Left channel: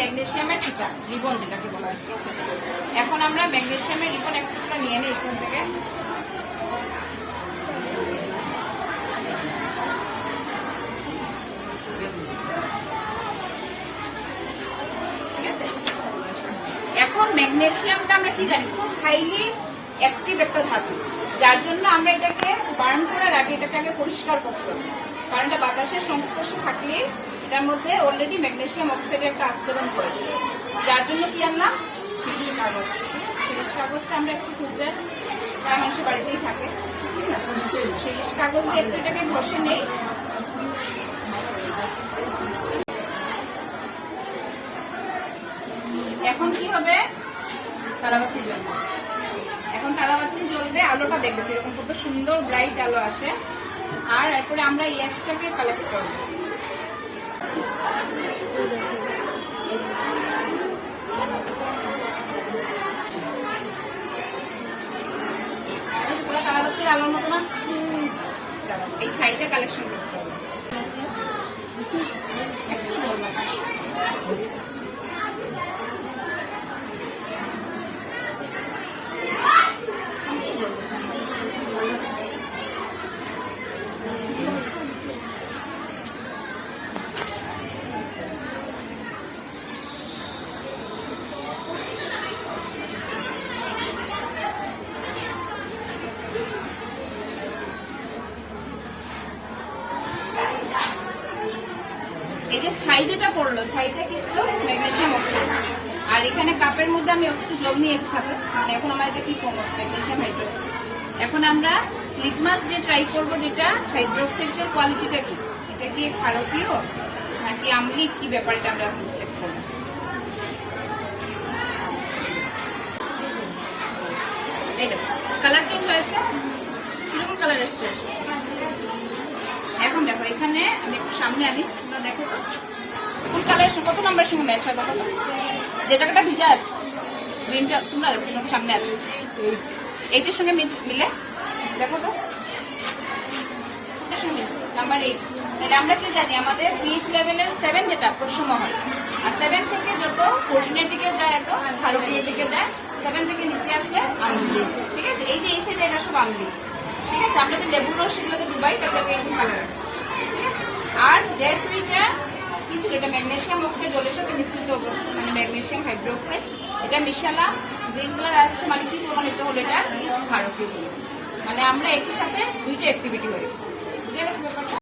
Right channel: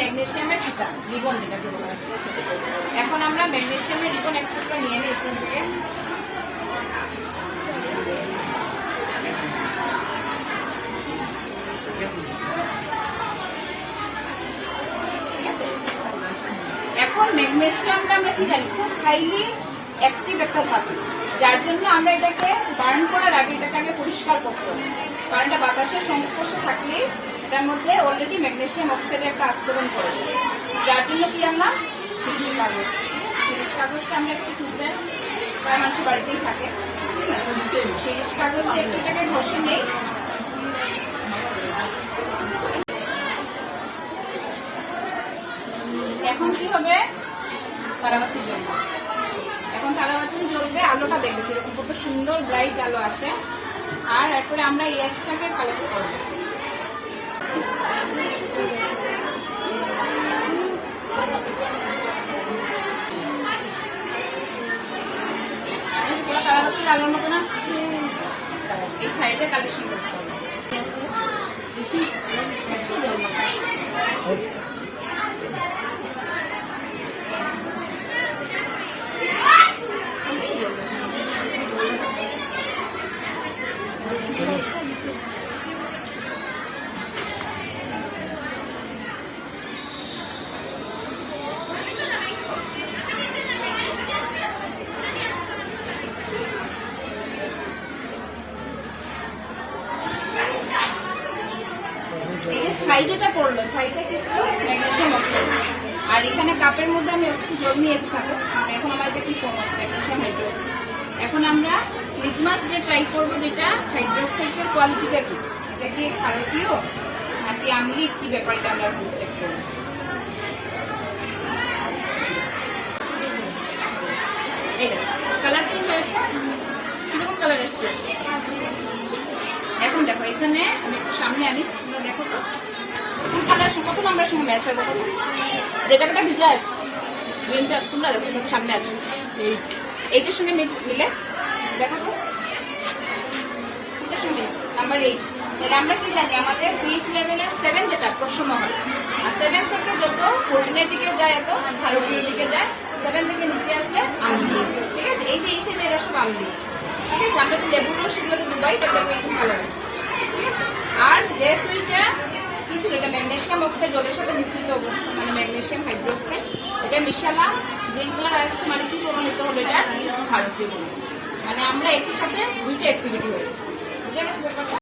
ম্যাগনেসিয়ামের টিকা রিবন যেটাকে বলা হয়, ঠিক আছে। এখন আমরা ম্যাগনেসিয়ামের রিবন একটা নিয়ে নিই এখান থেকে। ঠিক আছে, এখন ম্যাগনেসিয়ামটা আমরা কি জানি, খুব হাইলি অ্যাক্টিভ একটা ধাতু, যার জন্য আমরা এটাকে বার্ন করার আগে এটাকে আগে পরিষ্কার করতে হবে, কারণ এটা বাতাসের সংস্পর্শে থাকলে এটার মধ্যে অলরেডি ম্যাগনেসিয়াম অক্সাইডের একটা আস্তরণ করে, যার জন্য কি আনলাম শিরিষ কাগজ। শিরিষ কাগজটা আমরা একটু টুকতে প্রায় মানুষের বাড়িতেই থাকে, শিরিষ কাগজ দিয়ে একটু এটাকে ঘষে নেই। এখন কি হবে, তারাবাতি জ্বলবে। এখন তারাবাতি জ্বলবে, আলোটা দেখবে কিরকম কত সুন্দর ব্রাইট আলো আসে। আর এরপরে আমরা এই অ্যাশটাকে কালেক্ট করবো। তারাবাতির আলোর মতো না, এই সাইডে কালেকশন করতে হবে। একটু জ্বলবে। এই যে ছাই যেটা পড়লো, ছাইটা কি ছিল ম্যাগনেসিয়াম অক্সাইড। আর এখানে কাপের মধ্যে আমি একটু জল নিয়েছি সাথে, মানে এখন আমার এটা কি কম আছে, ম্যাগনেসিয়াম হাইড্রোক্সাইড। এখন আমরা লিটমাস দিয়ে ট্রাই করবো, যেটা হাইড্রোক্সাইডের কোয়ালিটিটা কি, এটা কি ক্ষারকীয় নাকি আম্লিক, কি ব্যাপারটা আমরা চেক করবো। এই দেখো কালার চেঞ্জ হয়েছে, কিরকম কালার এসছে। এখন দেখো এখানে আমি একটু সামনে আনি, তোমরা দেখো তো কোন কালার কত নম্বরের সঙ্গে ম্যাচ হয়। দেখো যে জায়গাটা ভিজা আছে গ্রিনটা, তোমরা দেখো সামনে আছে, এইটার সঙ্গে মিলে দেখো তো, এটার সঙ্গে মিলছে নাম্বার 8। তাহলে আমরা কি জানি, আমাদের পিএইচ লেভেলের 7 যেটা প্রশম হয়, আর 7 থেকে যত 14 দিকে যায়, এত ক্ষারকীয় দিকে যায়, 7 থেকে নিচে আসলে আম্লিক। ঠিক আছে, এই যে এই সাইডে এরা সব আম্লিক। ঠিক আছে, আমরা যে লেবুর রস সেগুলোকে ডুবাই, তাহলে এরকম কালার আসছে। ঠিক আছে, আর যেহেতু এটা কি ছিল, এটা ম্যাগনেসিয়াম অক্সাইড জলের সাথে মিশ্রিত অবস্থা, মানে ম্যাগনেসিয়াম হাইড্রোক্সাইড, এটা মিশালাম, গ্রিন কালার আসছে, মানে কি প্রমাণিত হলো, এটা ক্ষারকীয়। মানে আমরা একই সাথে দুইটা অ্যাক্টিভিটি হয়ে, বুঝে গেছে ব্যাপারটা।